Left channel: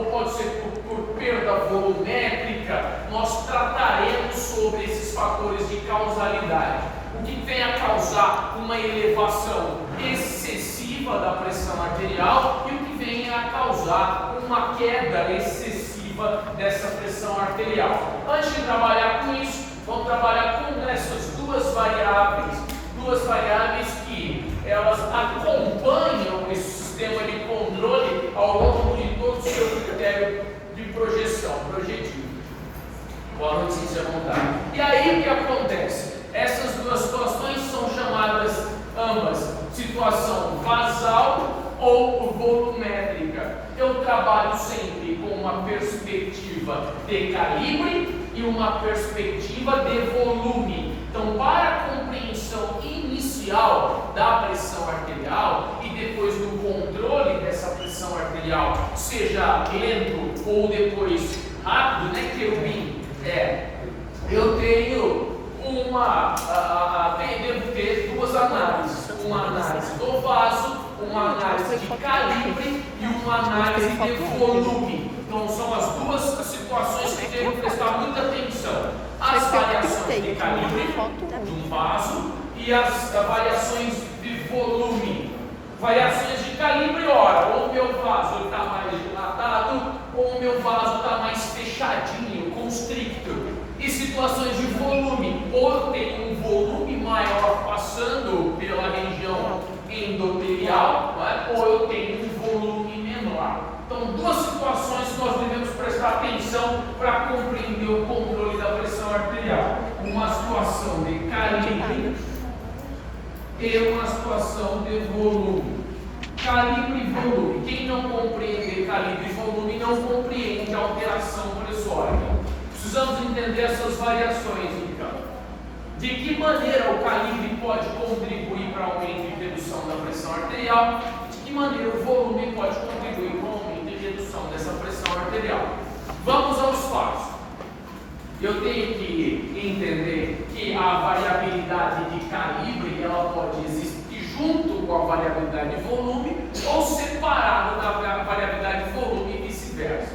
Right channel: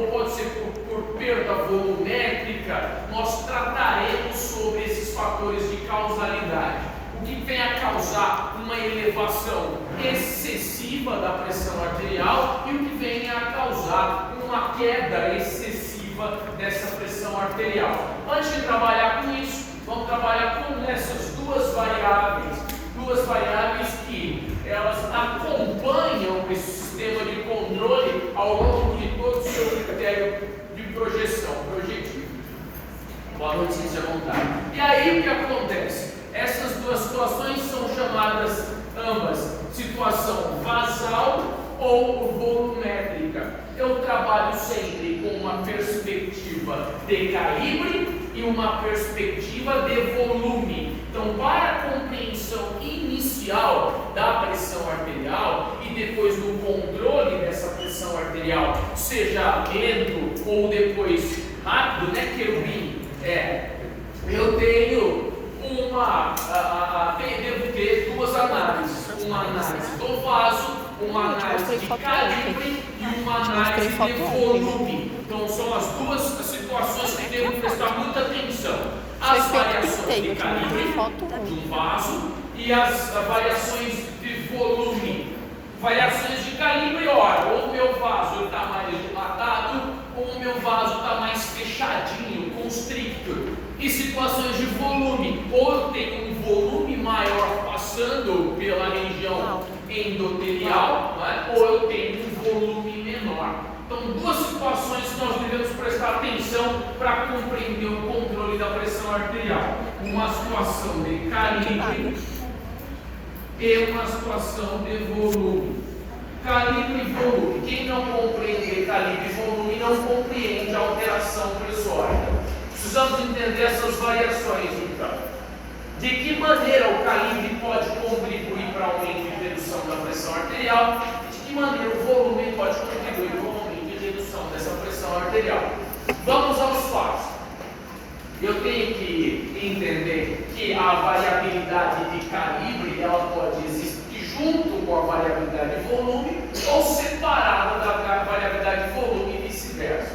ou pode ser por perda volumétrica, nós trataremos sobre esses fatores de causalidade. O que vem a causar uma elevação excessiva da pressão arterial e o que vem a causar uma queda excessiva dessa pressão arterial. Antes de trabalhar com isso, vamos trabalhar com essas duas variáveis que elas acompanham esse sistema de controle ao longo de todo o seu critério de projeção, projetivo. Boa noite, se à vontade. E aí o que acontece? Essas duas situações são chamadas ambas situação basal ou volumétrica. Eu trabalho sempre com uma perspectiva de calibre e uma perspectiva de volume. Então, para a compreensão inicial da pressão arterial e depois do controle dessa pressão arterial, seja lento ou depois rápido, né, Kelvin? Eu tenho devo ter duas análises, uma análise do vaso, uma análise de calibre e uma análise de volume. Então são as duas situações que devo prestar muita atenção. As variações de calibre do vaso e as variações de volume. Variações de calibre, ora, ou o meu vaso está mais dilatado, ou o meu vaso está mais fechadinho, constricto. E situações de volume, ou eu tenho um volume maior passando pela região endotelial, ou eu tenho um volume menor. Então, duas situações que nós devemos prestar atenção para compreender o controle da pressão arterial. Uma situação de calibre e uma situação de volume. Calibre e volume. Quem não compreende calibre e volume não compreende a alteração pressórica. Precisamos entender essas variações, então. De que maneira o calibre pode contribuir para o aumento e redução da pressão arterial? E de que maneira o volume pode contribuir para o aumento e redução dessa pressão arterial? Vamos aos fatos. Eu tenho que entender que a variabilidade de calibre ela pode existir junto com a variabilidade de volume ou separada da variabilidade de volume e vice-versa.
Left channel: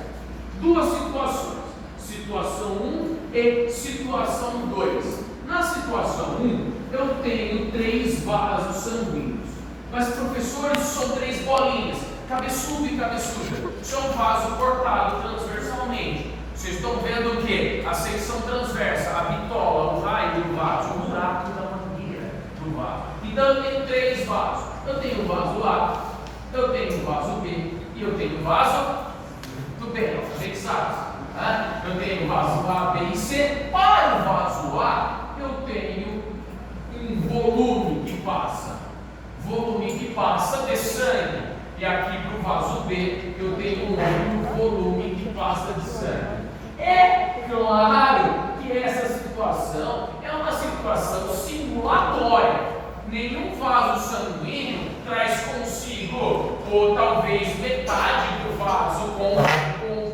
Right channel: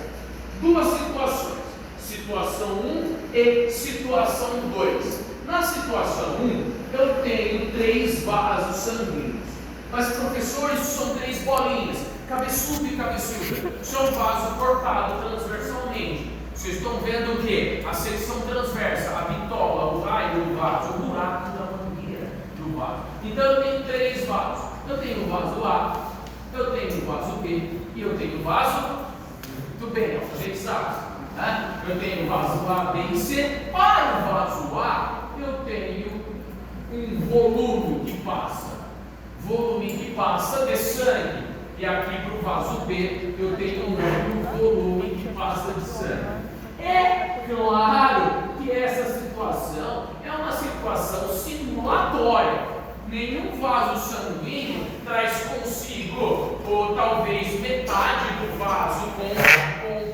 Duas situações. Situação 1 e situação 2. Na situação 1, eu tenho 3 vasos sanguíneos. Mas, professores, são 3 bolinhas, cabeçudo e cabeçuda. Isso é um vaso cortado transversalmente. Vocês estão vendo o quê? A secção transversa, a bitola, o raio do vaso, o buraco da mangueira do vaso. Então, eu tenho 3 vasos. Eu tenho o vaso A, eu tenho o vaso B e eu tenho o vaso do B. A gente sabe. Eu tenho o vaso A, B e C. Para o vaso A, eu tenho um volume que passa de sangue. E aqui para o vaso B, eu tenho um volume que passa de sangue. É claro que essa situação é uma situação simulatória. Nenhum vaso sanguíneo traz consigo, ou talvez metade do vaso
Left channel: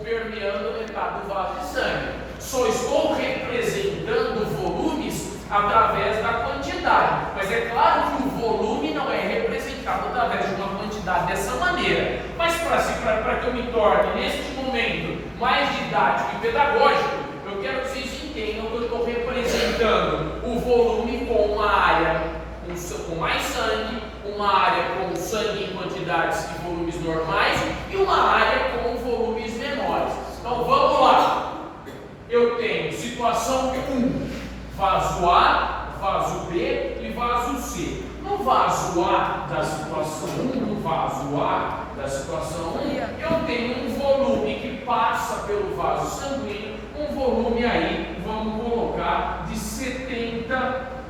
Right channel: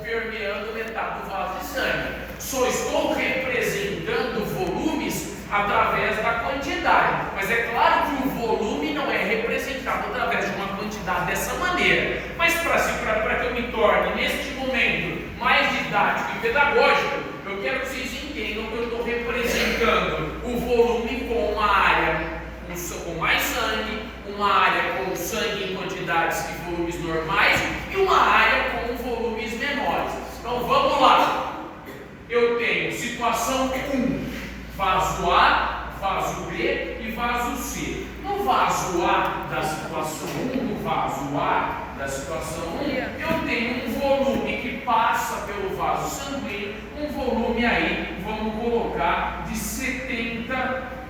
permeando metade do vaso de sangue. Só estou representando volumes através da quantidade. Mas é claro que o volume não é representado através de uma quantidade dessa maneira. Mas para que eu me torne, neste momento, mais didático e pedagógico, eu quero que vocês entendam que eu estou representando o volume com uma área com mais sangue, uma área com sangue em quantidades e volumes normais e uma área com volumes menores. Então vamos lá. Eu tenho situação 1, vaso A, vaso B e vaso C. No vaso A da situação 1, no vaso A da situação 1, eu tenho um volume que passa pelo vaso sanguíneo, um volume aí, vamos colocar, de 70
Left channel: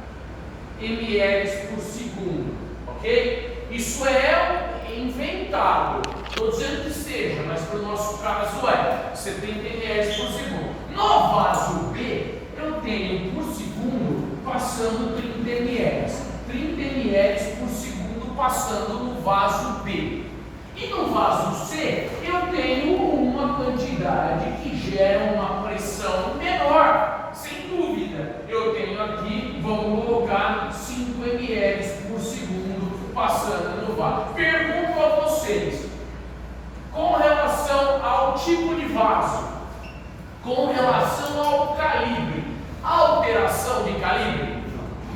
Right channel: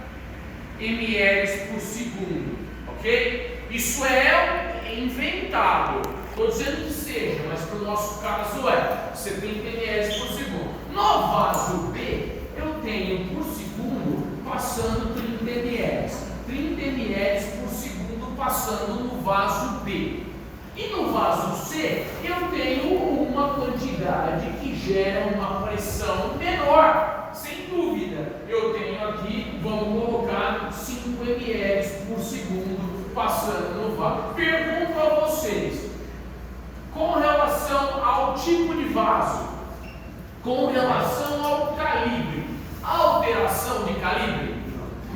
ml por segundo, ok? Isso é inventado, estou dizendo que seja, mas para o nosso caso é 70 ml por segundo. No vaso B, eu tenho por segundo passando 30 ml, 30 ml por segundo passando no vaso B. E no vaso C, eu tenho uma quantidade que gera uma pressão menor, sem dúvida. Eu tenho aqui, vamos colocar 5 ml por segundo passando no vaso. Pergunto a vocês, com relação ao tipo de vaso, com relação ao calibre, a alteração de calibre?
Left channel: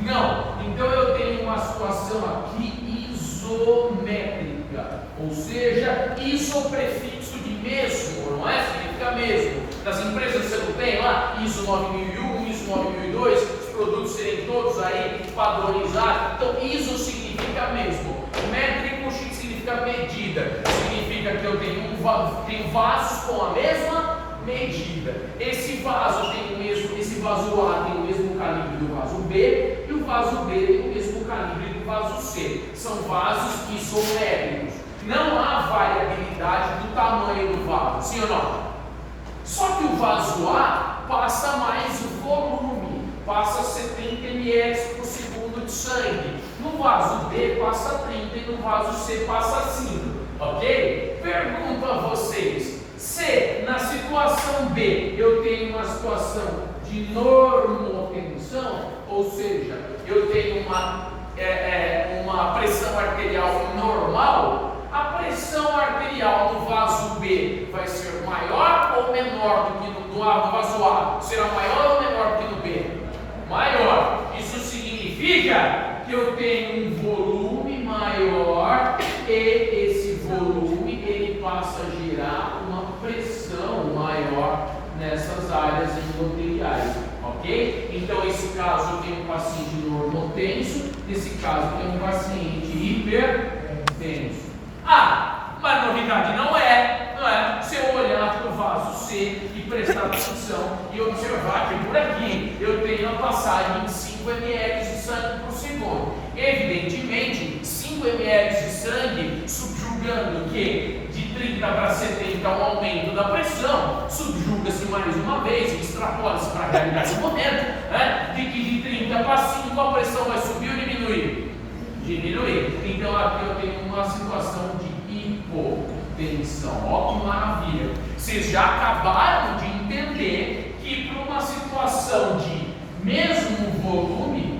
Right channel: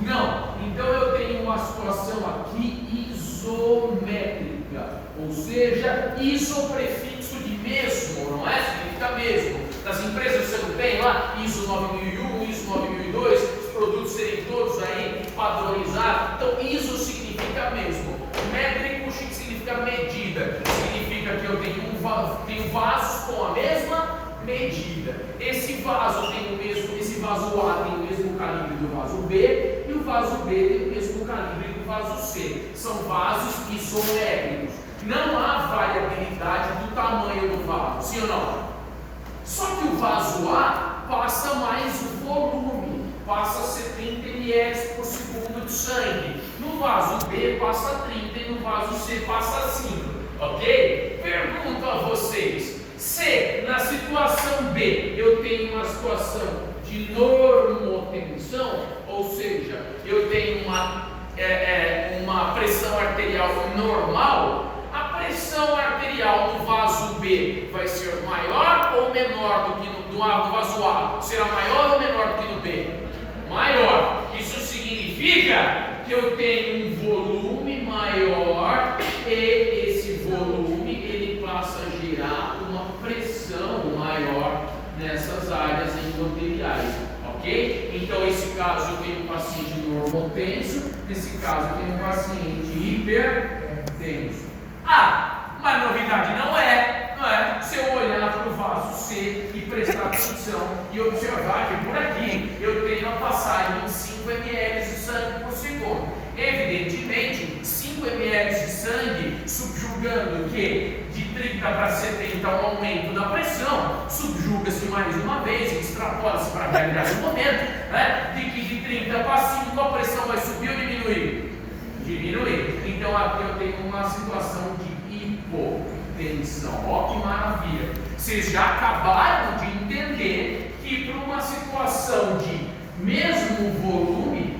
Não. Então eu tenho uma situação aqui isométrica, ou seja, iso prefixo de mesmo, não é? Significa mesmo. Nas empresas você não tem lá ISO 9001, ISO 9002, os produtos serem todos aí padronizados. Então ISO significa mesmo. Métrico significa medida. Significa que eu tenho vasos com a mesma medida. Esse vaso tem o mesmo, esse vaso A tem o mesmo calibre do vaso B e o vaso B tem o mesmo calibre do vaso C. São vasos isométricos. Não há variabilidade do tamanho do vaso, sim ou não? Só que o vaso A passa mais volume, passa 70 ml por segundo de sangue. No vaso B passa 30 e no vaso C passa 5, ok? Pergunto a vocês, se na situação B eu tenho uma situação de normotensão, ou seja, eu tenho uma pressão arterial normal, a pressão arterial no vaso B vai ser maior ou menor do que no vaso A? Será maior ou menor do que no B? Maior. Isso significa que eu tenho um volume maior e esse volume ele passa a gerar uma pressão maior nessas áreas endoteliais, ok? Então, nesse caso eu tenho um paciente normotenso, nesse caso eu tenho um paciente hipertenso. Mas novidade não é? Se eu olhar para o vaso C e prestar atenção e observar que por aqui eu tenho a passagem de 5 ml de sangue por segundo. Evidentemente, 5 ml de sangue subjugando que de 30 para 70 um aumento da pressão, subjuga-se mais uma vez e extrapola-se para a realidade do momento, né? De que de 30 para 5 a pressão vai subir ou diminuir? Diminuir. Então aqui eu tenho uma situação de hipotensão. Ó que maravilha! Vocês já acabaram de entender que para uma situação de mesmo volume,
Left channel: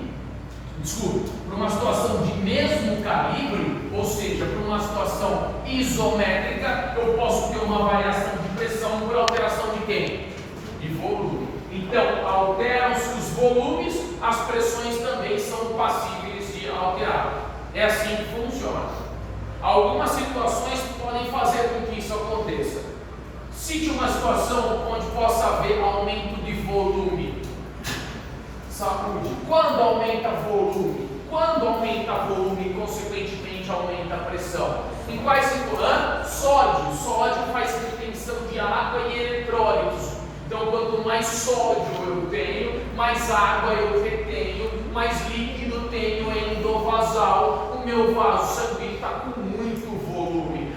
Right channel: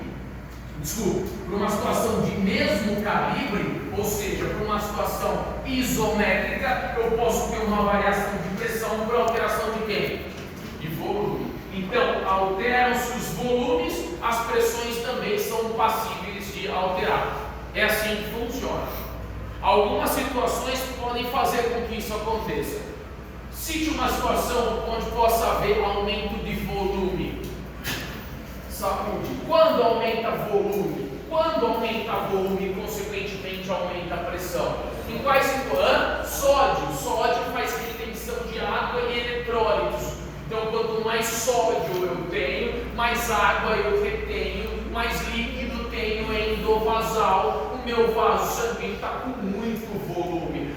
para uma situação de mesmo calibre, ou seja, para uma situação isométrica, eu posso ter uma variação de pressão por alteração de quê? De volume. Então, alteram-se os volumes, as pressões também são passíveis de alterar. É assim que funciona. Algumas situações podem fazer com que isso aconteça. Cite uma situação onde possa haver aumento de volume. Saúde. Quando aumenta volume? Quando aumenta volume, consequentemente aumenta a pressão. Em quais situações? Sódio. Sódio faz retenção de água e eletrólitos. Então, quanto mais sódio eu tenho, mais água eu retenho, mais líquido tenho endovasal. O meu vaso sanguíneo está com muito volume.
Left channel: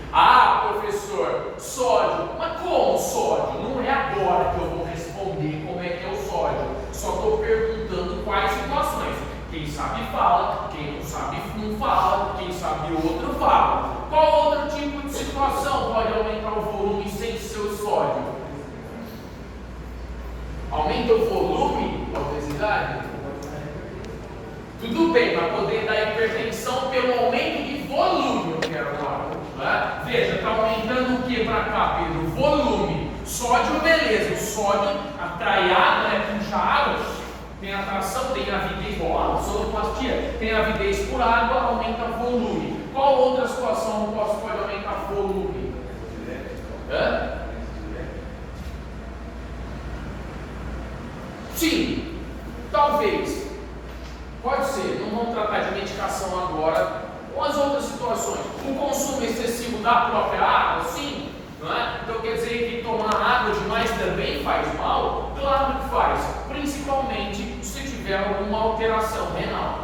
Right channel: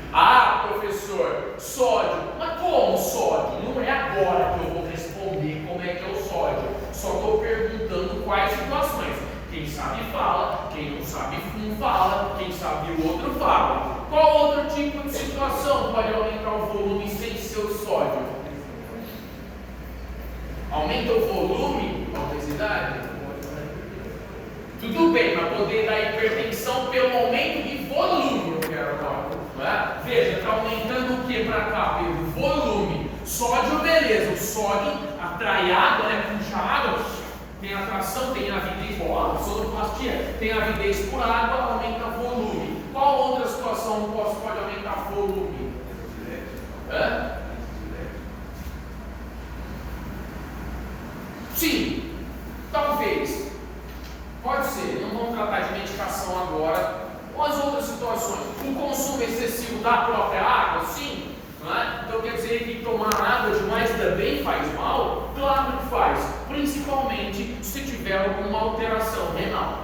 Professor, sódio. Mas como sódio? Não é agora que eu vou responder como é que é o sódio. Só estou perguntando quais situações. Quem sabe fala, quem não sabe não fala, quem sabe outro fala. Qual outro tipo de situação pode aumentar o volume sem ser o sódio? Aumenta o volume, a obesidade? Tudo bem, para poder dar hipertensão pelo aumento de volume, eu quero agora. Né? Veja, está aumentando o que para cá, Pedro? Volume. Sódio, beleza. O sódio atrai água, né? Puxa água, tem atração, tem avidez, sonoplastia, tem avidez por água, aumenta volume. Qual outra situação pode aumentar volume? Sim, talvez. Pode ser, não vamos tratar de medicação agora. Ou as outras situações, o consumo excessivo da própria água, sim, não é? Então quer dizer que tomar água demais também faz mal? Claro que faz, principalmente se tiver alguma alteração renal.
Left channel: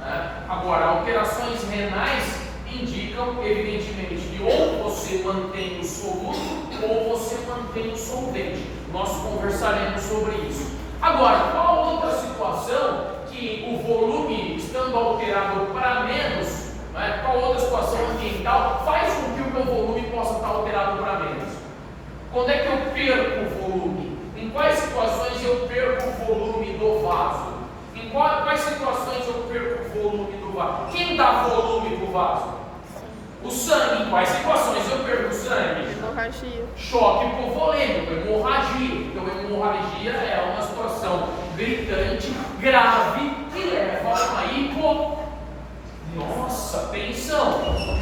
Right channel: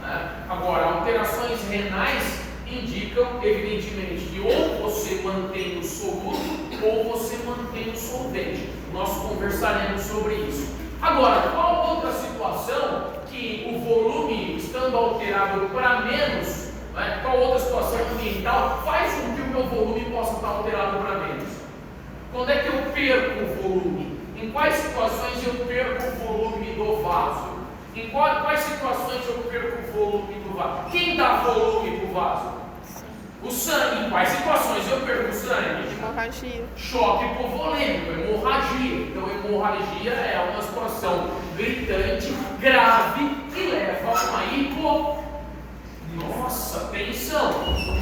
Né? Agora, alterações renais indicam, evidentemente, que ou você mantém o soluto ou você mantém o solvente. Nós conversaremos sobre isso. Agora, qual outra situação que o volume estando alterado para menos, né, qual outra situação ambiental faz com que o meu volume possa estar alterado para menos? Quando é que eu perco o volume? Em quais situações eu perco o volume do vaso? Em quais situações eu perco o volume do vaso? Quem dá volume para o vaso? O sangue, em quais situações eu perco o sangue? Hemorragia. Choque hipovolêmico, hemorragia. Então, hemorragia é uma situação gritante, grave, que leva a uma Nossa, atenção!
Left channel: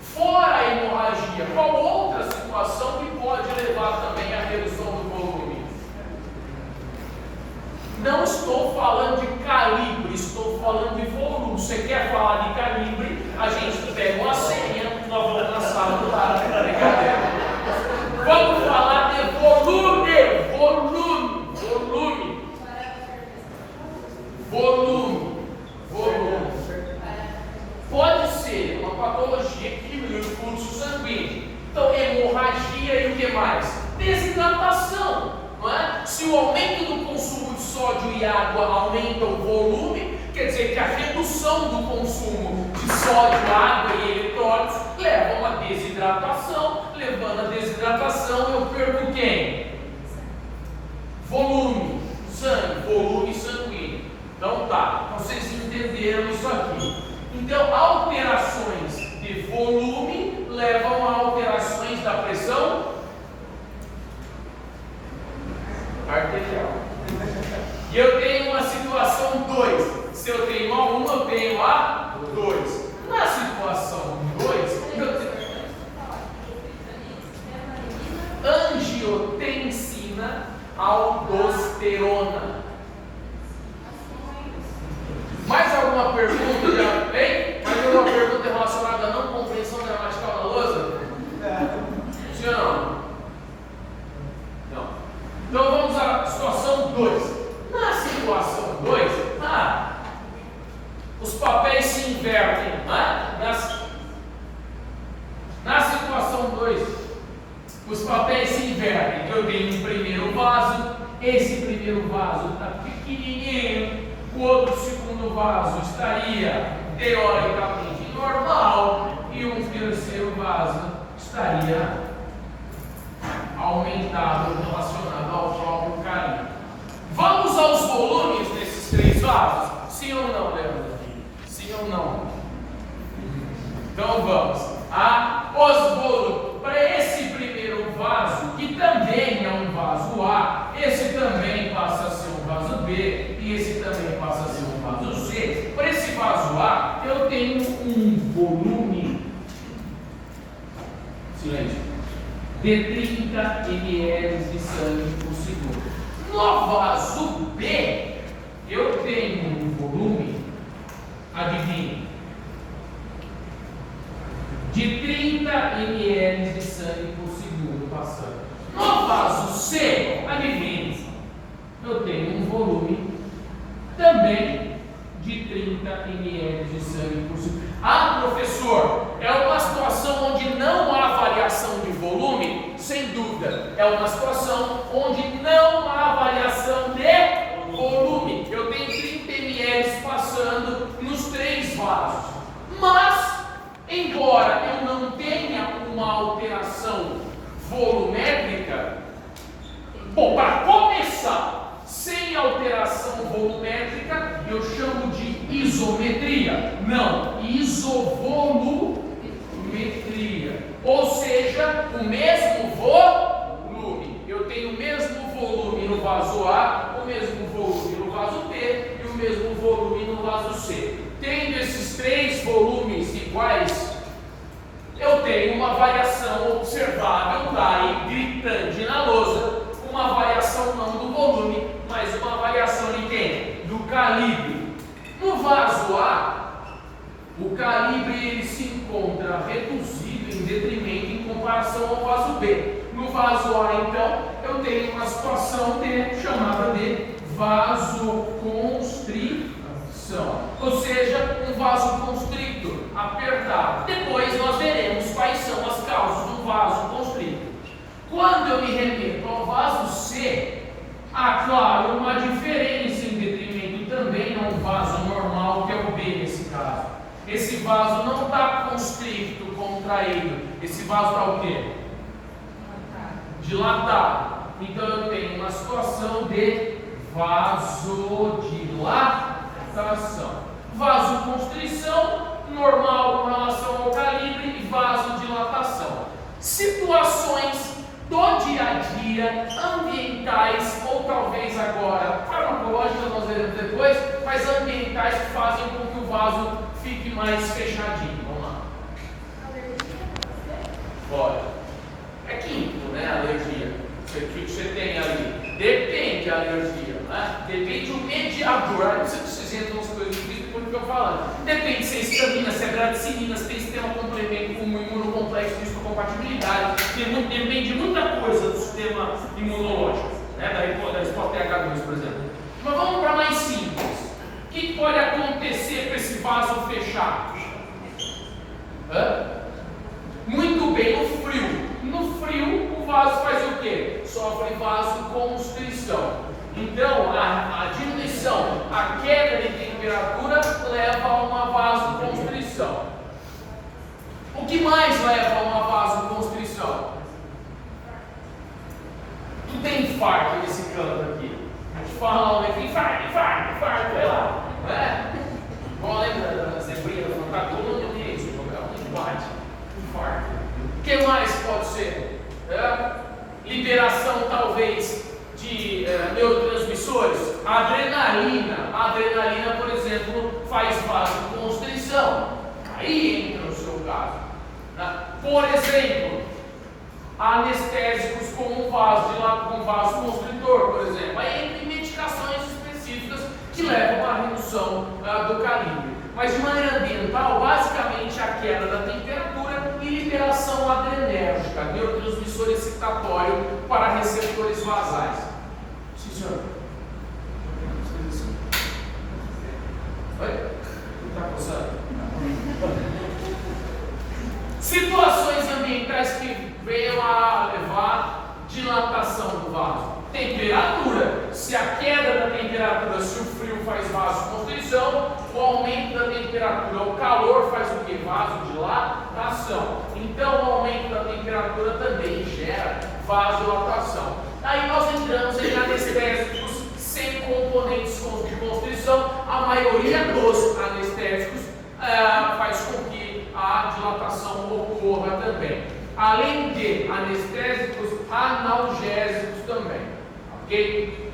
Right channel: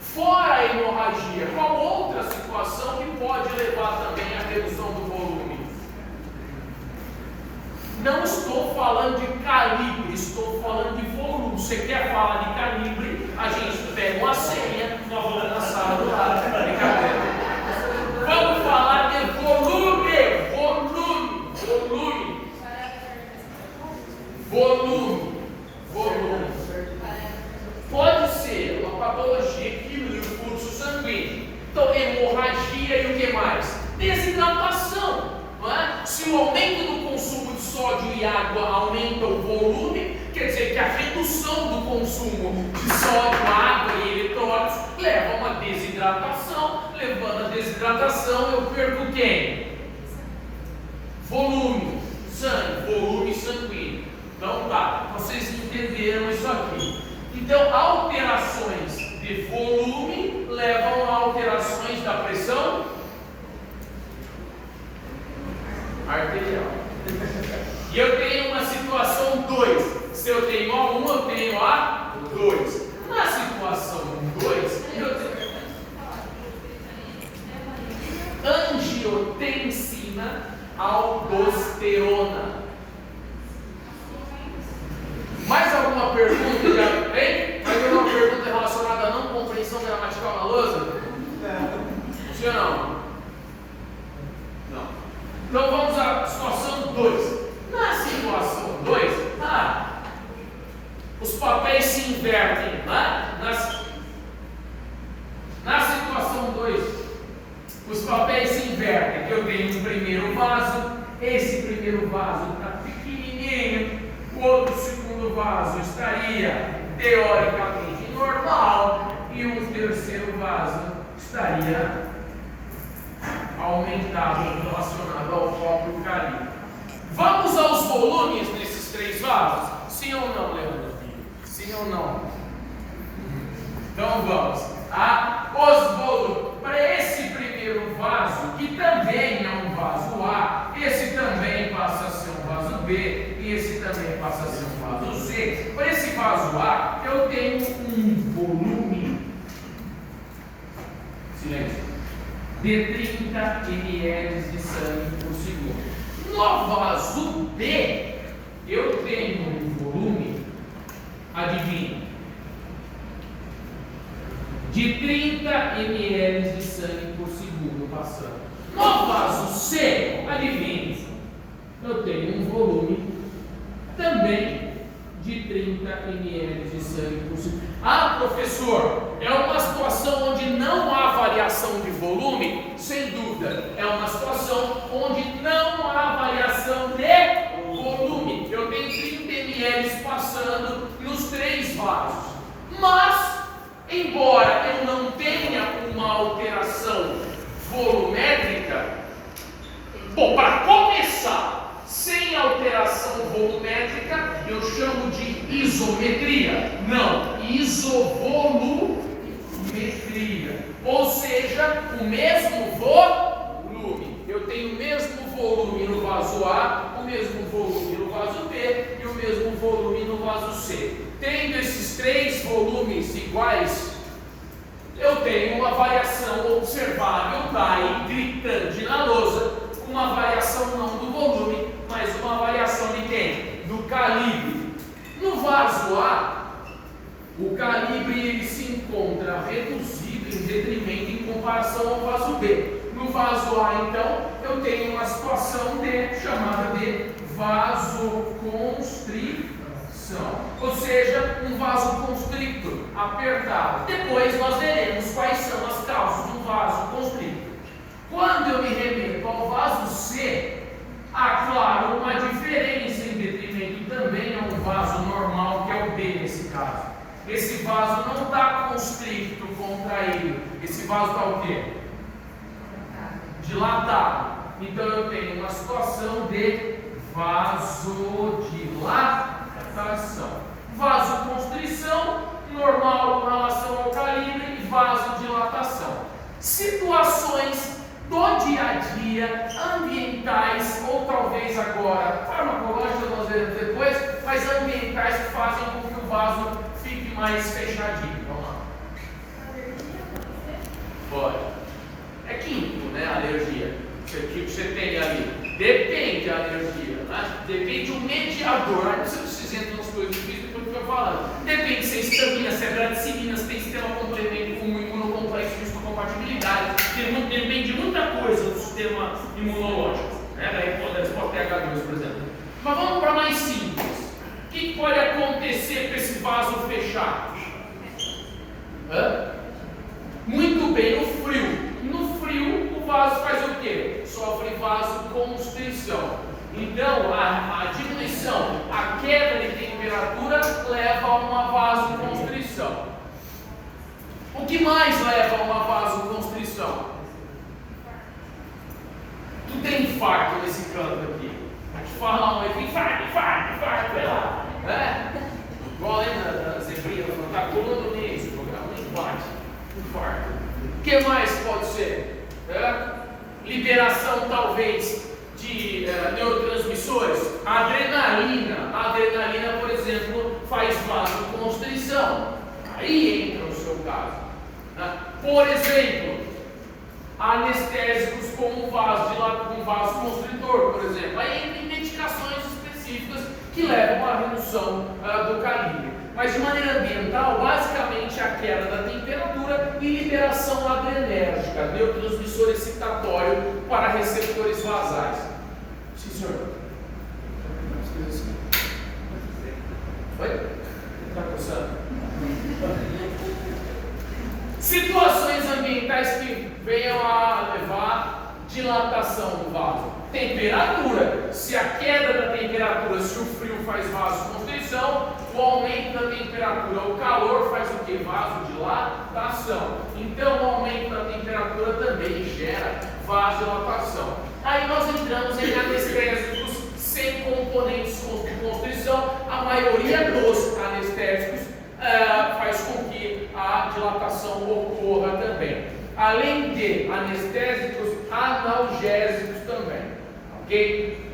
Fora a hemorragia, qual outra situação que pode levar também à redução do volume? Não estou falando de calibre, estou falando de volume. Você quer falar de calibre? A gente pega uma senha, nós vamos na sala do lado. Brincadeira. Vamos falar de volume. Pode ser uma patologia que diminui o fluxo sanguíneo. Então, hemorragia e o que mais? Desidratação. Não é? Se o aumento do consumo de sódio e água aumenta o volume, quer dizer que a redução do consumo de sódio, água e eletrólitos leva a uma desidratação. Levando a desidratação, eu perco quem? Volume, sangue, volume sanguíneo. Então tá, vocês entenderam isso aqui. Então, alterações de volume levam a alterações da pressão arterial. E eu tenho uma situação 2. Se eu tenho a 1, eu tenho a 2. Na situação 2, eu tenho angiotensina, aldosterona. Mais alguma pergunta? Hein? Mais alguma pergunta relacionada à não compreensão gramatical da lousa? Sim ou não? Não. Então vamos à situação 2. Na situação 2, os papéis se invertem. Na situação 2, os papéis se invertem. Eu tenho um primeiro vaso, esse primeiro vaso está pequenininho, o outro segundo vaso estaria teoricamente normal e um terceiro vaso estaria aumentado relacionado ao próprio calibre. Vamos aos volumes desses 3 vasos? Sim ou não, Leandro? Sim ou não? Então vamos. Os volumes. Para esse primeiro vaso, que também é um vaso A, esse também passa a ser um vaso B e esse também passa a ser um vaso C. Para esse vaso A, eu tenho um volume, silêncio, de 30 ml de sangue por segundo. No vaso B, eu tenho um volume, adivinha, de 30 ml de sangue por segundo passando. No vaso C, adivinha, eu tenho um volume também de 30 ml de sangue por segundo. Professor, é uma situação onde não há variação de volume? Sem dúvida, é uma situação onde não há variação de volume. Eu tenho 30 ml passando nos 3 vasos. Mas, embora eu não tenha uma alteração volumétrica, para começar, sem alteração volumétrica, eu chamo de isometria. Não, isovolumetria. Ou seja, o mesmo volume. Eu tenho o mesmo volume no vaso A, o mesmo volume no vaso B e o mesmo volume no vaso C. Tendo esses 3 volumes iguais, eu tenho uma variação observável, daí gritante na lousa, uma variação não do volume, mas uma variação de quem? Do calibre. No vaso A, o calibre ele se encontra reduzido em detrimento em comparação ao vaso B. No vaso A, então, eu tenho uma situação chamada de vasoconstrição, ou seja, um vasoconstrictor apertado. Depois nós veremos quais são as causas do vasoconstrictor. Quando eu me remeto ao vaso C, há, claro, uma diferença em detrimento também a um vaso normal, que é o B nesse caso. Esse vaso não está constricto, contraído. Esse vaso está o quê? Dilatado. Então eu tenho uma situação de vasodilatação. Vasoconstrição, normal com relação ao calibre e vasodilatação. Situações do dia a dia, ambientais, ou talvez agora farmacológicas, nós veremos depois, mas ambientais que fazem com que o vaso fique mais fechadinho. Vamos lá. Pode. É químico, né? Alergia. O que você tem ali? Depende da alergia, né? Depende do mediador. Não sei se vocês entram nas coisas difíceis depois do que eu falo. Depende se é histamina, se é bradicina, se tem sistema complemento com imunocomplexo, compatibilidade. Depende de muita coisa do sistema imunológico, né? Da resposta TH2, por exemplo. Mas vamos para mais simples. O que pode acontecer para esse vaso fechar? Muito bem, o frio. No frio, o vaso faz o quê? Sofre vasoconstrição. Então, a diminuição, a queda de temperatura leva a uma vasoconstrição. O que mais leva a uma vasoconstrição? Tu tem infarto nesse canto aqui. A gente fala um infarto, vai lá. Igual lembra da zebrinha, tá colando nisso, um infarto. O que mais pode ser? Liberação, talvez, de neurotransmissores. Adrenalina. A adrenalina, por exemplo, faz vasoconstrição. Aí entra o seu caso. Por exemplo, anestésicos como vasoconstritor, por exemplo. Aí entra medicações específicas que levam à redução do calibre. Mas de maneira ambiental, basicamente a queda da temperatura e liberação adrenérgica, neurotransmissor excitatório para receptores basais. Sim, senhor. Oi? Está coçando? Situações ambientais que venham a levar dilatação do vaso. Temperatura. Se a queda da temperatura, se o frio faz vasoconstrição, o aumento da temperatura, o calor faz o que? Vasodilatação. Então, o aumento da temperatura também gera vasodilatação. Aí nós entramos em anestésicos sem componentes de constrição. A maioria dos anestésicos faz com que a dilatação ocorra também. Além de anestésicos, analgésicos também. Ok?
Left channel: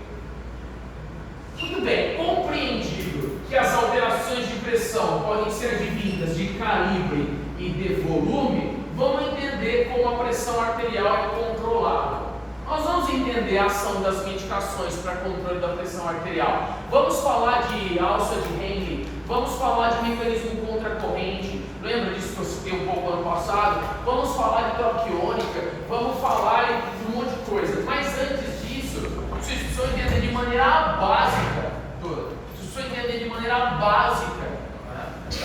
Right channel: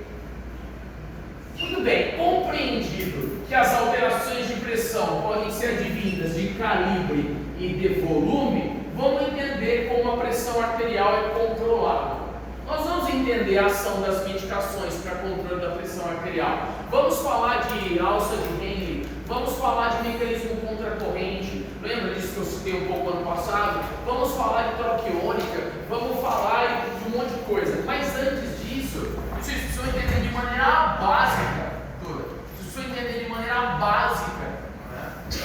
Muito bem, compreendido que as alterações de pressão podem ser advindas de calibre e de volume, vamos entender como a pressão arterial é controlada. Nós vamos entender a ação das medicações para controle da pressão arterial. Vamos falar de alça de Henle, vamos falar de mecanismo contracorrente. Lembra disso que eu citei um pouco ano passado? Vamos falar de troquiônica, vamos falar de um monte de coisa. Mas antes disso, vocês precisam entender de maneira básica,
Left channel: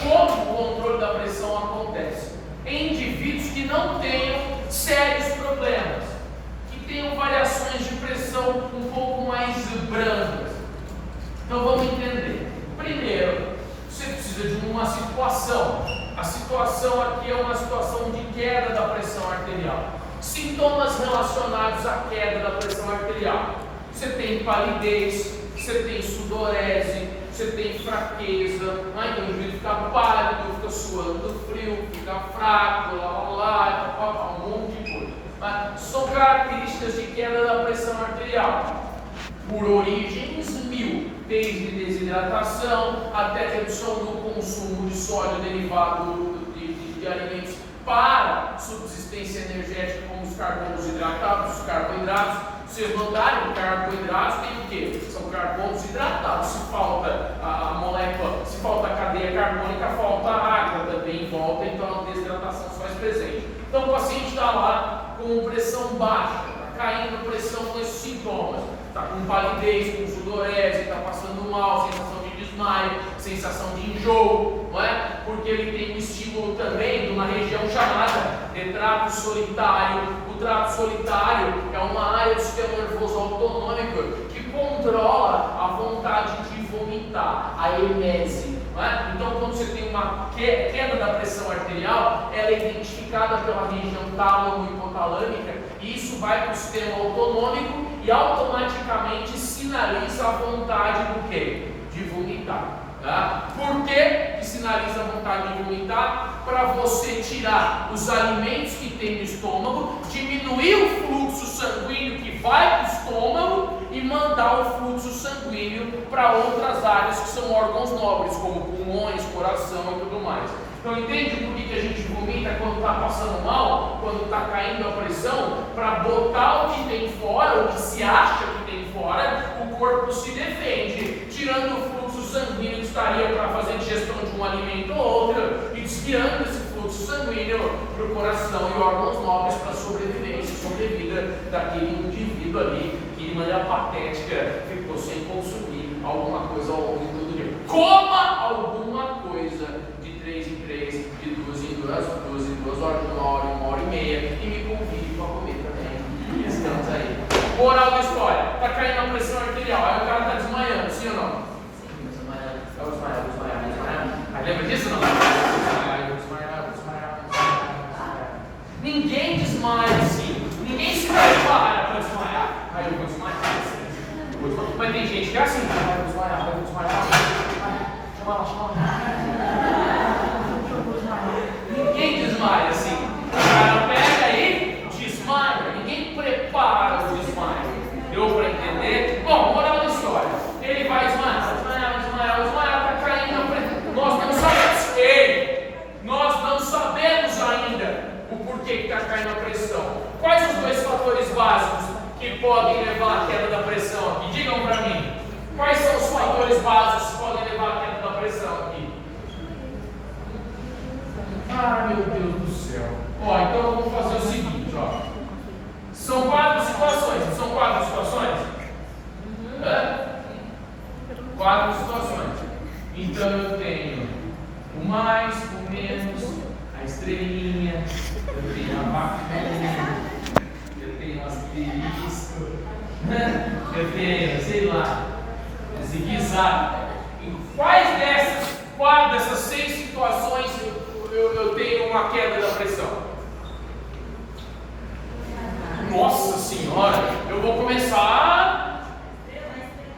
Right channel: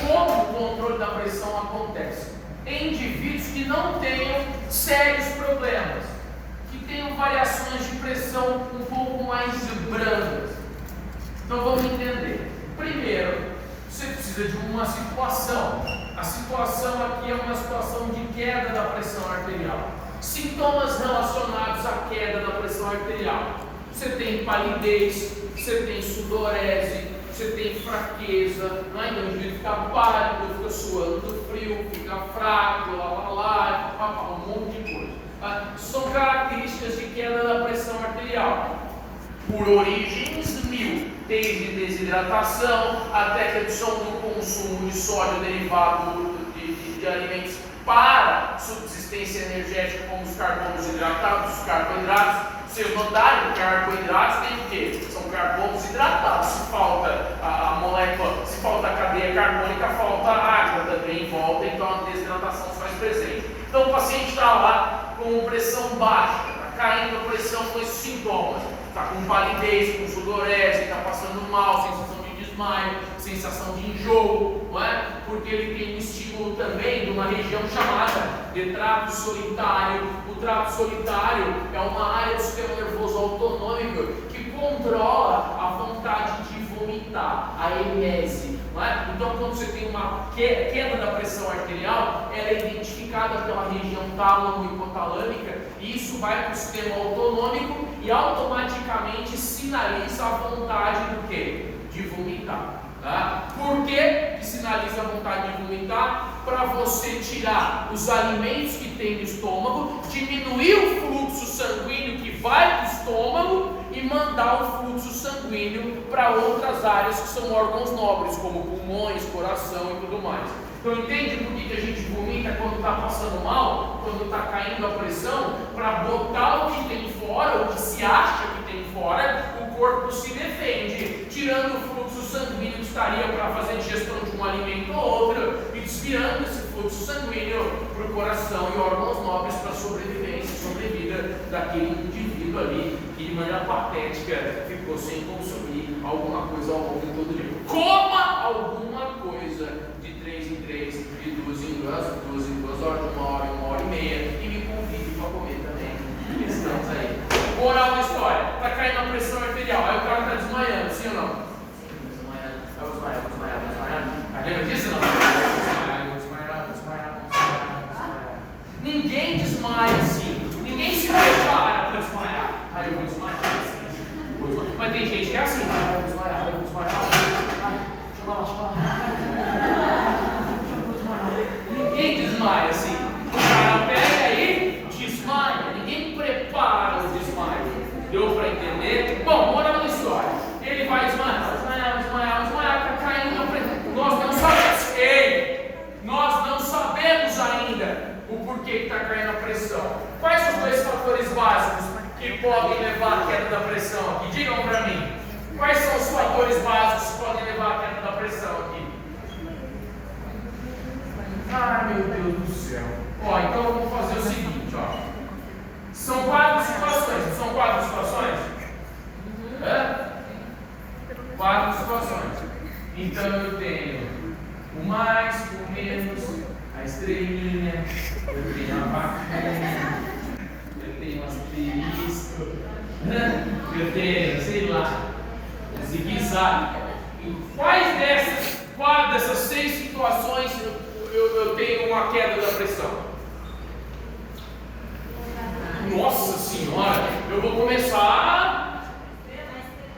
como o controle da pressão acontece em indivíduos que não tenham sérios problemas, que tenham variações de pressão um pouco mais brandas. Então vamos entender. Primeiro, você precisa de uma situação. A situação aqui é uma situação de queda da pressão arterial. Sintomas relacionados à queda da pressão arterial. Você tem palidez, você tem sudorese, você tem fraqueza, então o indivíduo fica pálido, fica suando frio, fica fraco, um monte de coisa. São características de queda da pressão arterial. Por origens mil, desde desidratação até redução do consumo de sódio derivado de alimentos para subsistência energética, como os carbonos hidratados, os carboidratos. Vocês notaram, carboidratos tem o quê? São carbonos hidratados. Se falta a molécula, se falta a cadeia carbônica, falta a água também em volta, então a desidratação se faz presente. Então o paciente está lá com pressão baixa, está caindo a pressão com esses sintomas. Está com palidez, com sudorese, está passando mal, sensação de desmaio, sensação de enjoo, não é? Porque ele tem um estímulo também de uma região chamada de trato solitário. O trato solitário é uma área do sistema nervoso autonômico que controla a vontade de vomitar, a emese, não é? Então, quando você tem uma queda da pressão arterial, ela é identificada pela região tálamo-hipotalâmica e isso vai para o sistema autonômico e automaticamente sinaliza a vontade do quê? De vomitar. Tá? Por que sinaliza a vontade de vomitar? Para você tirar os alimentos que tem no estômago, diminuir o fluxo sanguíneo que vai para o estômago e mandar o fluxo sanguíneo para outras áreas que são órgãos nobres, como pulmões, coração e tudo mais. Então entende por que a gente vomita quando está passando mal, quando está caindo a pressão? Para botar o que tem fora, o que se acha que tem fora, o corpo se defende, tirando o fluxo sanguíneo que estaria para fazer a digestão de um alimento ou outro, e desviando esse fluxo sanguíneo para o coração e órgãos nobres para a sobrevivência e sobrevida daquele indivíduo ali que de maneira patética ficou sem consumir alguma coisa ao longo de todo o dia. Coma alguma coisa de 3 em 3, de 2 em 2 horas, de 1 hora e meia, e me convide para comer também. Estamos aí. Moral da história: está caindo a pressão arterial, aí o cara está desmaiando, sim ou não? Sim, desmaiando. Vai desmaiar. Lembra disso ou não? Vou desmaiar. Ninguém desmaia assim. Ninguém se prepara para desmaiar. Aí eu vou desmaiar. Mas tem gente que é assim: eu vou desmaiar. Ninguém desmaia assim. O cara pega e desmaia. Ninguém prepara o desmaio. Deu para entender? Bom, moral da história: ele vai desmaiar, está caindo a pressão. Nós não sabemos ainda o porquê que está caindo a pressão. Quais são os 2 fatores básicos que podem levar à queda da pressão aqui? Digam para mim. Quais são os fatores básicos que podem levar à queda da pressão aqui? Ah, meu Deus do céu. Ó, então eu vou fazer o seguinte, ó. São 4 situações. São 4 situações? Hã? 4 situações. Então eu tenho o mais, o menos, a estrelinha, eu tenho a vaquinha, eu tenho o asterisco, eu tenho, sei lá, zigue-zague. Em quais dessas 6 situações eu tenho uma queda da pressão? Nossa Senhora, eu vou começar.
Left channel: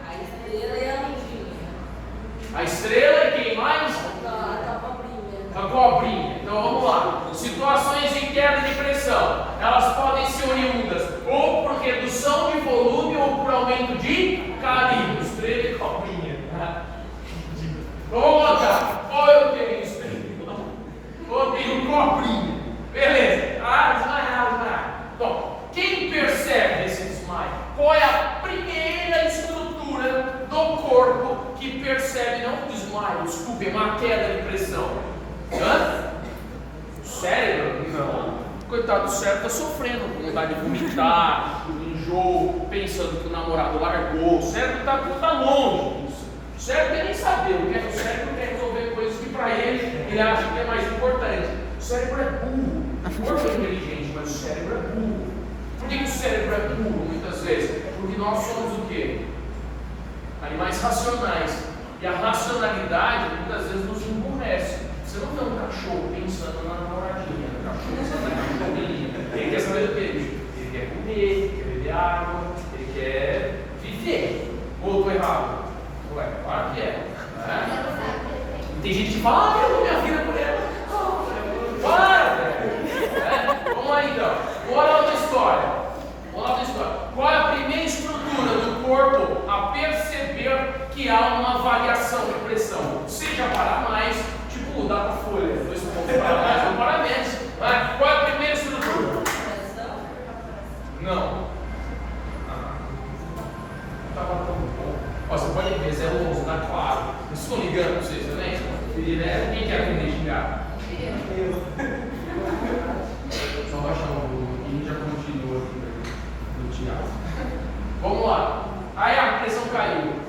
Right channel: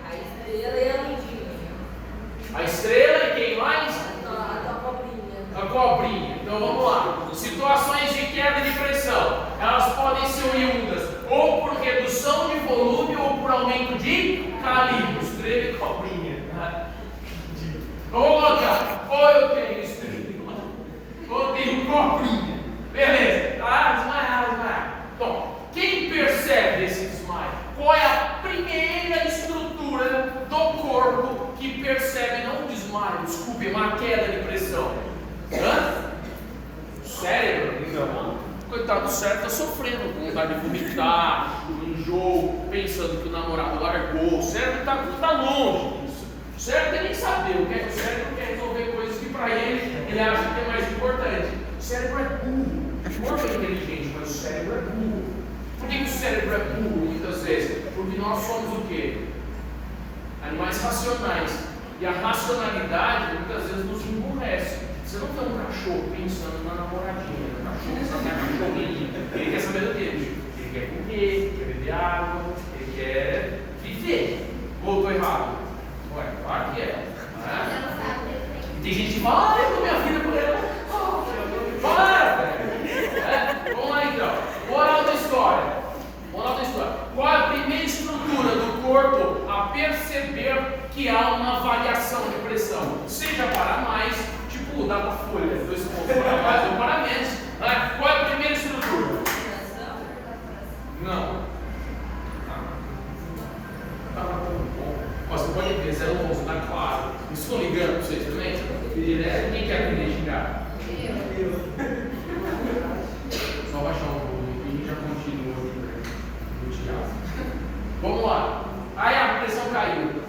A estrela e a lindinha. A estrela e quem mais? A cobrinha. A cobrinha. Então vamos lá. Situações de queda de pressão. Elas podem ser oriundas ou por redução de volume ou por aumento de calibre. Estrela e cobrinha. Vamos botar. Ou eu tenho estrela, ou eu tenho cobrinha. Beleza. Desmaiar. Bom, quem percebe esse desmaio? Qual é a primeira estrutura do corpo que percebe, não um desmaio, desculpe, uma queda de pressão? O cérebro? Não. Coitado do cérebro, está sofrendo com vontade de vomitar, enjoo, pensando que o namorado largou. O cérebro está longe disso. O cérebro quer nem saber, o cérebro quer resolver coisas que para ele acha que é mais importante. O cérebro é burro. O corpo é inteligente, mas o cérebro é burro. Por que o cérebro é burro muitas vezes? Porque nós somos o quê? Animais racionais. E a racionalidade muitas vezes nos emburrece. Você não vê um cachorro pensando na namoradinha, um cachorro pensando na cachorrinha. Ele quer saber do quê? Ele quer comer, quer beber água, ele quer viver. Ou estou errado? Ué, claro que é. Tem gente que fala, eu dou minha vida por ela. Para, velho. Vamos lá então. Moral da história. Qual é a primeira estrutura do corpo a perceber que há uma variação de pressão? Seja para mais, tipo mudar a folha, 2 pontos para mais ou para menos. Qual é a primeira estrutura? Não. Tá matando bom. Você pode ver, 011, tá claro. Estou ligando para vocês também? Quem quer aprender a xingar? Só baixar o volume e já continua no teatro. Vamos lá. Aí a pressão caiu.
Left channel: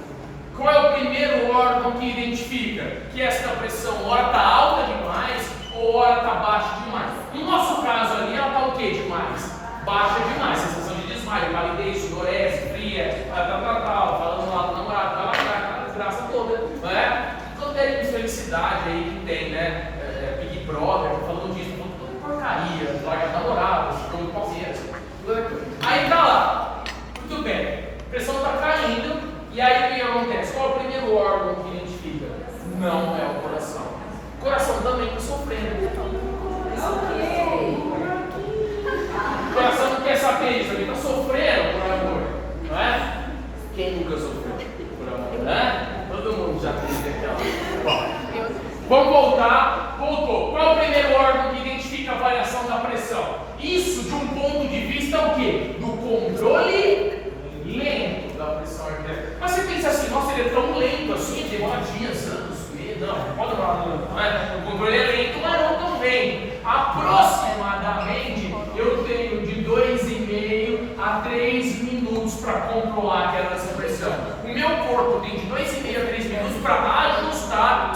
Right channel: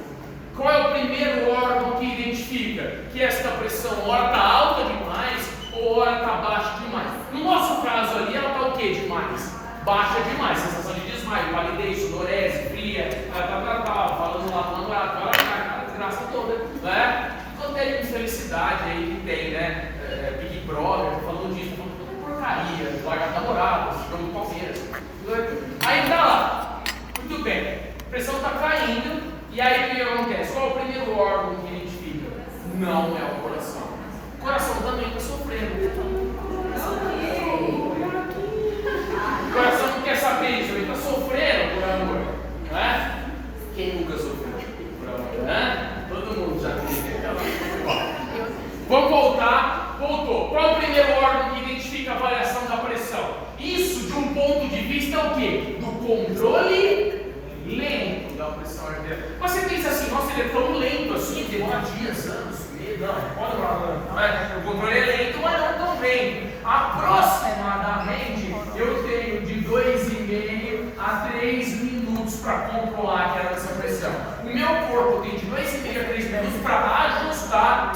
Qual é o primeiro órgão que identifica que esta pressão ora está alta demais ou ora está baixa demais? No nosso caso ali, ela está o que demais? Baixa demais. Sensação de desmaio, palidez, sudorese, fria, falando lá com o namorado, vai lá, aquela desgraça toda, né? Quanto é de infelicidade aí que tem, né? Big Brother, falando disso, falando toda porcaria, larga namorado, jogo do Palmeiras. Aí tá lá, muito bem, a pressão está caindo, e aí o que acontece? Qual é o primeiro órgão que identifica? O coração não quer saber isso, ele está sofrendo por amor, não é? Quem nunca sofreu por amor, né? Todo mundo já teve. Vamos voltar. Voltou. Qual é o primeiro órgão que identifica a variação da pressão? Isso, de um ponto de vista, o quê? Do controle lento da pressão arterial. Mas você pensa assim, nossa, ele é tão lento assim, demora dias, anos, meses. Não, pode demorar, não é? O controle é lento, mas não tão lento. Aproximadamente, eu tenho de 2,5 a 3 minutos para controlar a queda dessa pressão. O meu corpo tem de 2,5 a 3 minutos para ajustar,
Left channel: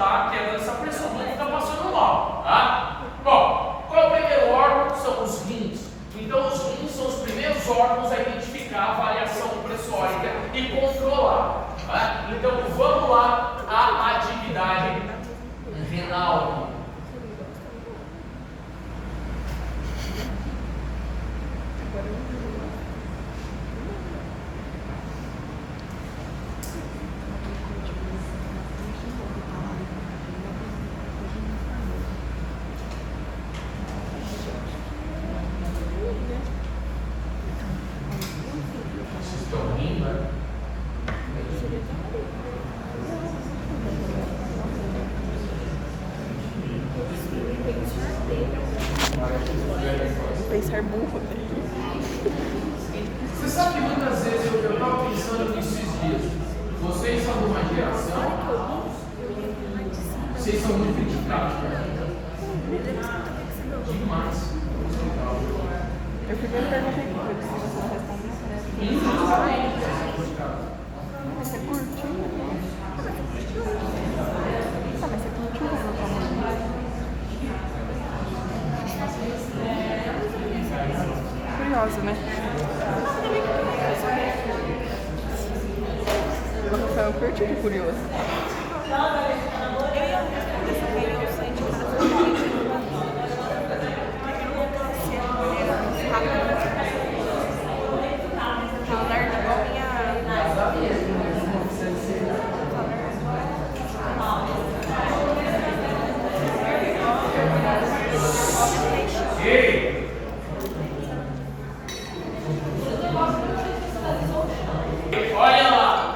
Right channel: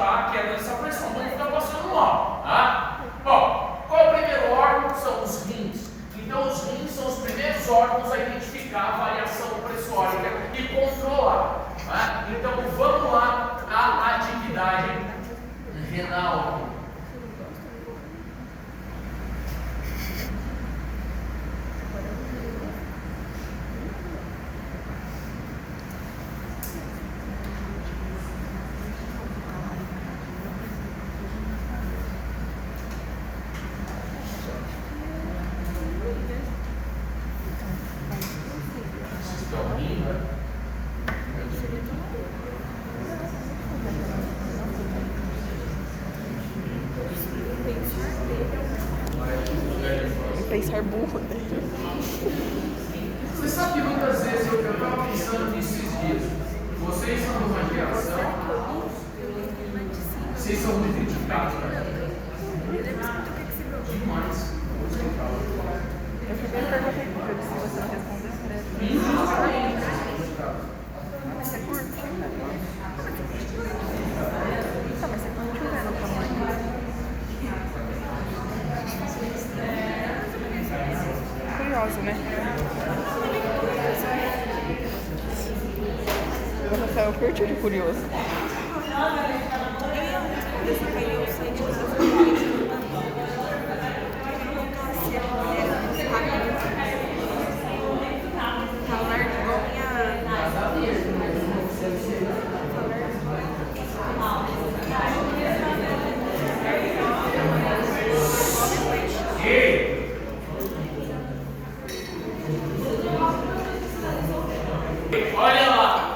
a queda dessa pressão. Não ficar passando mal, tá? Bom, qual é o primeiro órgão? São os rins. Então, os rins são os primeiros órgãos a identificar a variação pressórica e controlar. Tá? Então, vamos lá à atividade renal. Pensar burro, né? Você sabe que muitas vezes eu estava pensando nesses dias, vocês são de uma geração, vocês são muito criticados, demais. Eu fiz uma pergunta aqui, porque se você não responder, você curtiu, né? Só você curtiu, né? No tamanho. Curiosa, né? O Rafael curtiu de curioso. Eu ia responder, só que aí eu saí de casa porque eu não voltou a ser uma mulher rápida. Falar igual minha. Olha lá.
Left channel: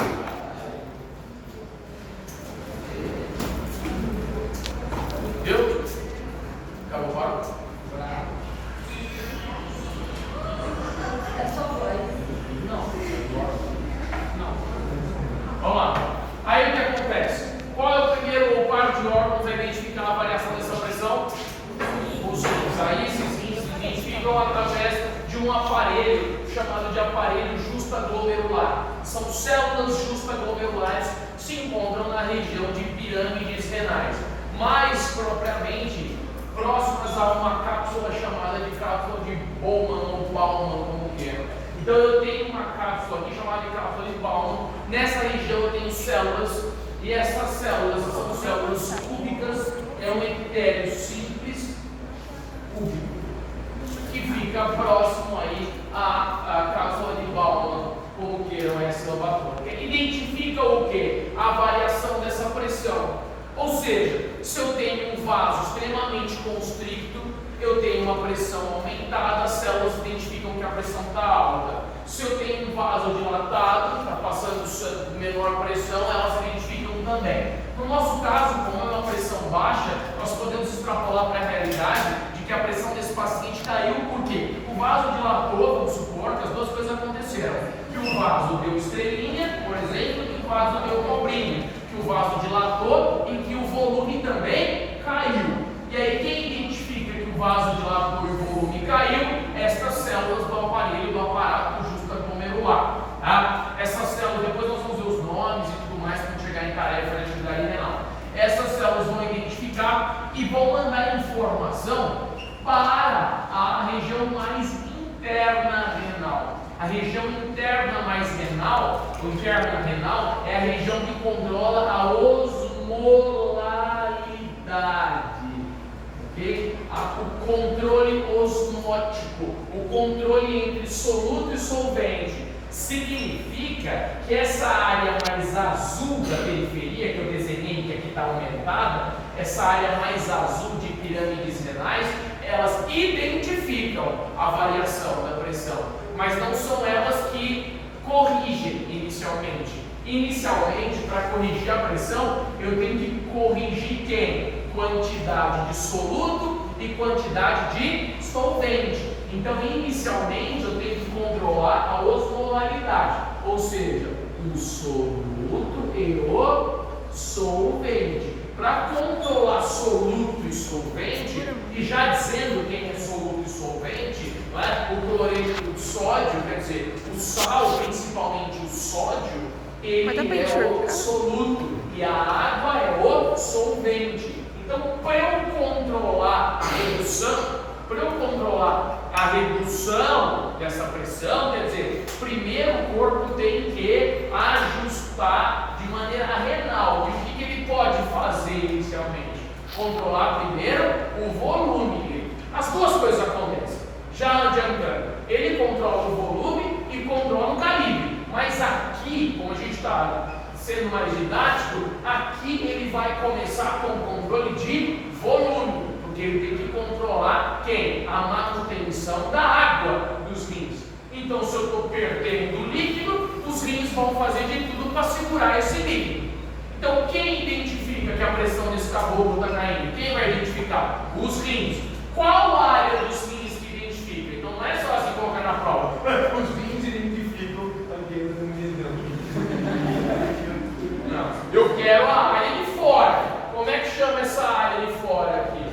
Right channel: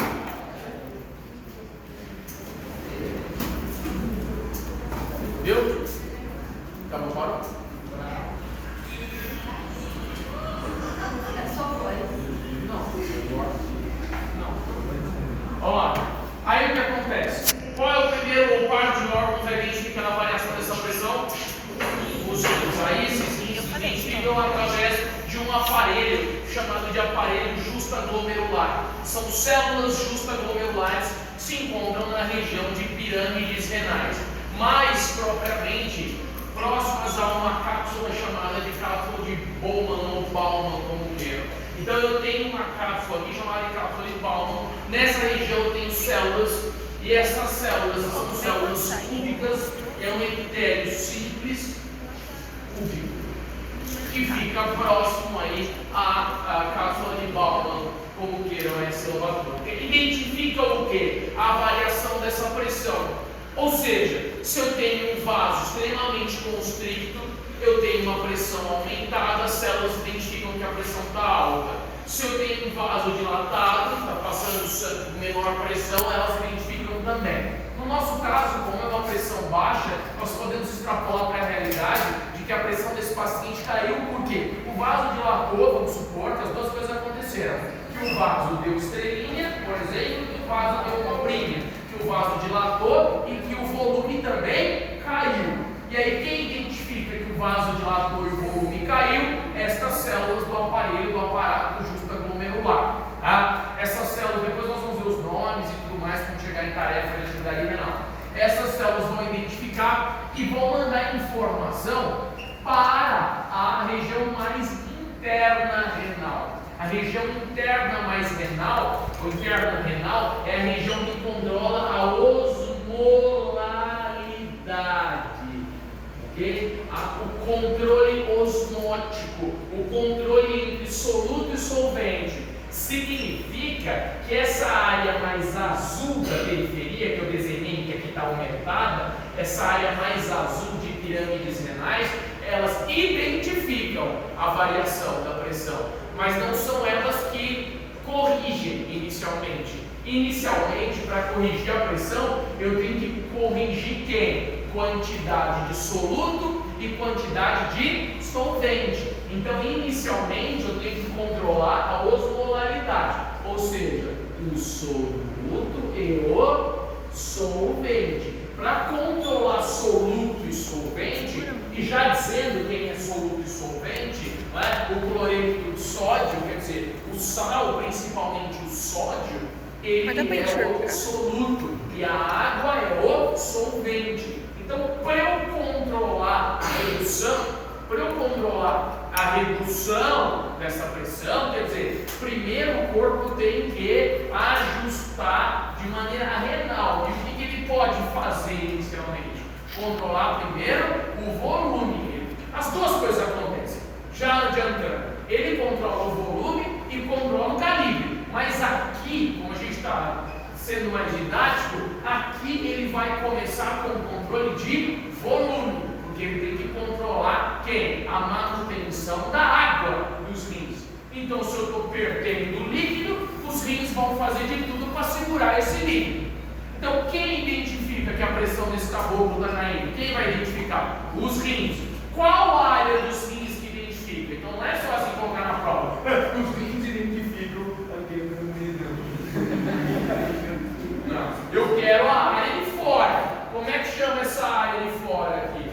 Viu? Acabou, parou? Não. Vamos lá. Aí o que acontece? Qual é o primeiro ou par de órgãos a identificar a variação dessa pressão? Os rins. Aí esses rins se identificam através de um aparelho chamado de aparelho justaglomerular. São células justaglomerulares que se encontram na região de pirâmides renais, mais propriamente próximas a uma cápsula chamada de cápsula de Bowman ou Bowman, como queiram. Então eu tenho uma cápsula aqui chamada de cápsula de Bowman. Nessa região eu tenho células, e essas células são células cúbicas, é um epitélio simples cúbico, que fica próximo aí à cápsula de Bowman, como queiram essa lobatônica. Identifica o que? A variação dessa pressão. Ou seja, se eu tenho um vaso extremamente constricto, eu tenho uma pressão aumentada, as células identificam que a pressão está alta. Se eu tenho um vaso dilatado, está passando menor pressão, elas identificam também. No nosso caso, como é uma pressão baixa, nós podemos extrapolar para a realidade de que a pressão desse paciente caiu porque o vaso dilatou, vamos supor que as duas coisas aconteceram. Que o vaso deu estrelinha, por exemplo, e o vaso deu cobrinha. Que o vaso dilatou e que o volume também caiu. E aí quem identifica que o vaso dilatou e o volume caiu? Estas células do aparelho, do aparato justaglomerular. Tá? Essas células, depois nós vamos ver os nomes e tudo mais quando chegar em tarefa de atividade renal. Essas células vão identificar e vão mandar informação para a região mais interna renal. A região interna mais renal, ou interna renal, é a região que controla a osmolaridade, okay? O controle osmótico, o controle entre soluto e solvente. Significa que essa área mais azul da periferia, que eu desenhei, que aqui está aumentada, essa área mais azul de pirâmides renais, elas identificam a variação da pressão, mas não são elas que corrigem inicialmente. Inicialmente, para corrigir a pressão, eu tenho que corrigir quem? Quantidade de soluto e quantidade de solvente. Então, inicialmente, eu tenho que controlar a osmolaridade, ou seja, o soluto e o solvente. Para controlar soluto e solvente, e já dizendo quem é soluto e solvente, não é? O cloreto de sódio, quer dizer, o sal, principalmente o sódio, ele é o soluto e a água é o solvente. Então, para eu controlar a redução dessa pressão, quer dizer, primeiro o corpo tem que ajustar de maneira renal. E o que ele pode fazer inicialmente? Controlar primeiro o volume. As duas coisas acontecem. Já adiantando, ele controla o volume e controla o calibre. Mas aqui, como a gente está sendo mais didático, aqui ele vai começar com o controle de volume, porque ele tem que controlar quem? A manutenção da água dos rins. Então, se eu estou perdendo líquido, os rins vão fazer de tudo para segurar esse líquido. Então, quem identifica que a pressão desse caboclo está caindo? Quem vai identificar? Os rins. Qual a área dos rins que identifica? Então, não é só assim colocar na prova. Os rins identificam aquele Não, eu quero a área de fora. Como é que chama essa área de fora aqui?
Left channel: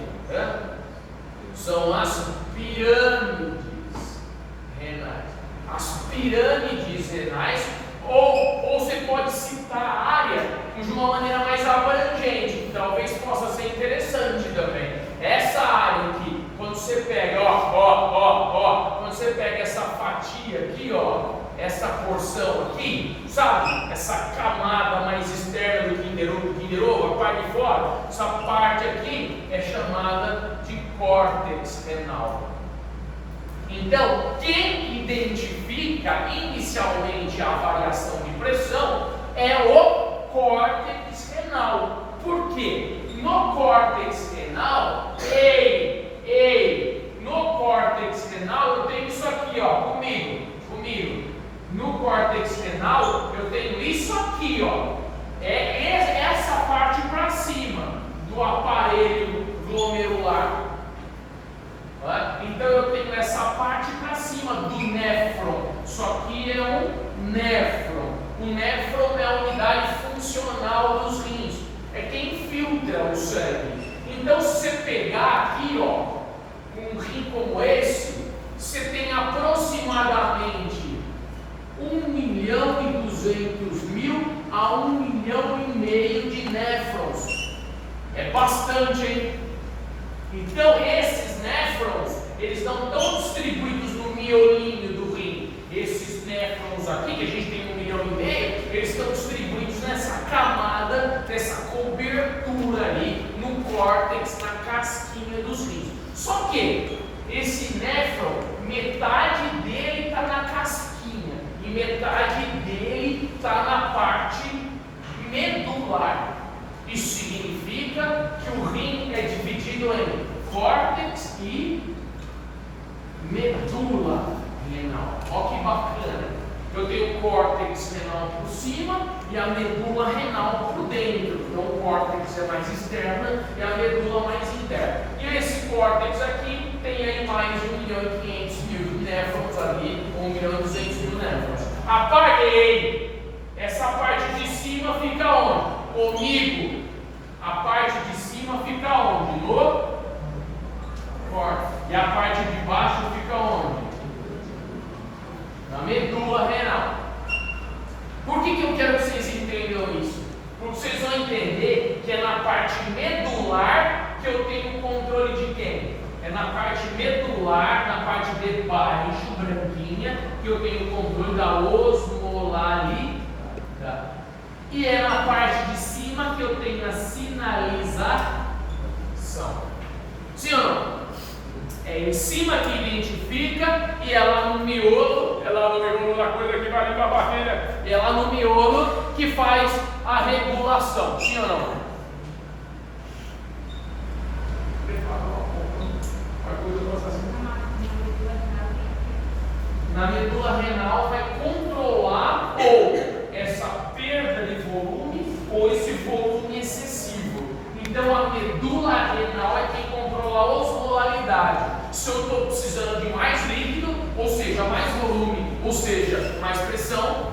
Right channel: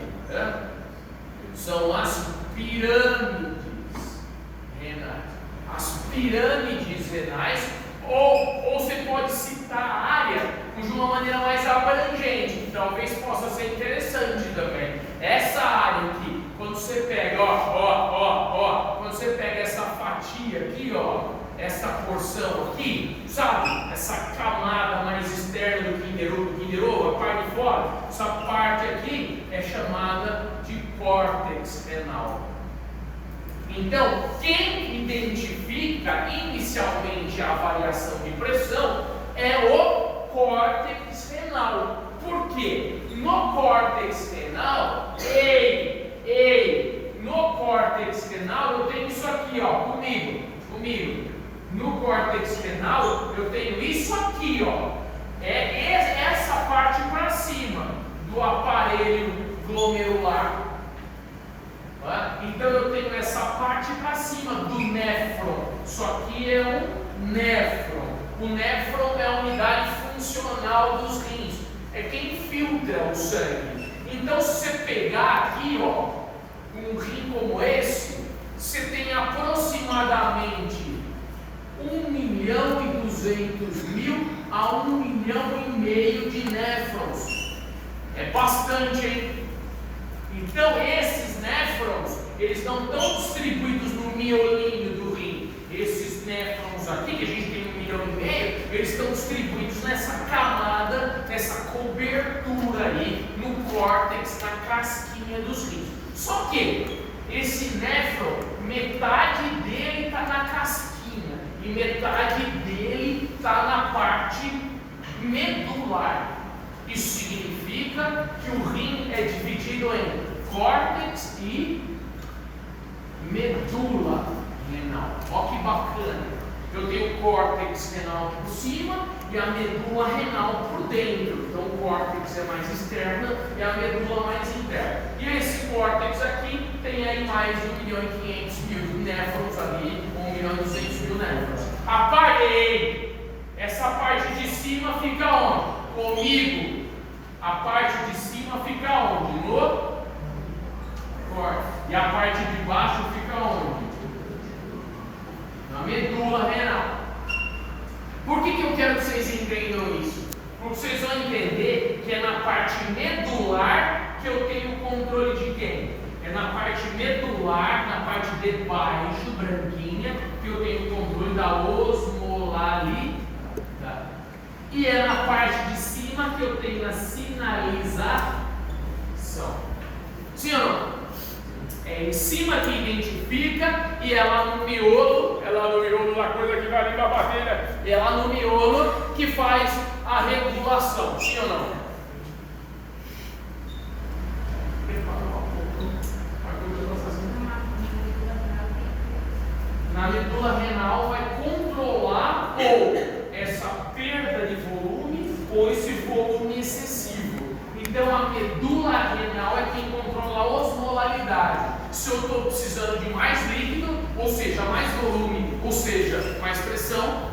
São as pirâmides renais. As pirâmides renais, ou você pode citar a área de uma maneira mais abrangente, que talvez possa ser interessante também. Essa área aqui, quando você pega, quando você pega essa fatia aqui, essa porção aqui, sabe? Essa camada mais externa do Kinder Ovo, a parte de fora, essa parte aqui é chamada de córtex renal. Então, quem identifica inicialmente a variação de pressão é o córtex renal. Por quê? No córtex renal, no córtex renal eu tenho isso aqui, comigo. No córtex renal eu tenho isso aqui, é essa parte para cima do aparelho glomerular. Então eu tenho essa parte para cima do néfron. Isso aqui é um néfron. O néfron é a unidade funcional dos rins. É quem filtra o sangue. Então, se você pegar aqui, um rim como esse, você tem aproximadamente 1.200.000 a 1,5 milhão de néfrons. É bastante, hein? Então, esses néfrons, eles estão tão distribuídos no miolinho do rim. Esses néfrons aqui, que a gente tem 1,5 milhão, eles estão distribuídos nessa camada, nessa cobertura ali, no córtex, na casquinha dos rins. Só que esse néfron, metade dele está na casquinha e metade dele está na parte medular. Isso significa que o rim é dividido em córtex e medula renal. Olha que bacana. Eu tenho o córtex renal por cima e a medula renal por dentro. Então o córtex é mais externa e a medula mais interna. E esse córtex aqui tem aí mais de 1.500.000 néfrons ali, 1.200.000 néfrons. A parte, essa parte de cima fica onde? Comigo. A parte de cima fica onde? No córtex. E a parte de baixo fica onde? Na medula renal. Por que eu quero que vocês entendam isso? Porque vocês vão entender que é na parte medular que eu tenho controle de quem? É na parte medular, na parte de baixo, branquinha, que eu tenho controle da osmolaridade. E é na parte de cima que eu tenho a sinalização. Sim ou não? É em cima que identifica e é lá no miolo, da coisa que vai ali para a barreira, é lá no miolo que faz a regulação. Sim ou não? Na medula renal vai controlar ou essa perda de volume ou esse volume excessivo. Então a medula renal é quem controla a osmolaridade. Se eu estou precisando de mais líquido, ou seja, mais volume, ou seja, mais pressão,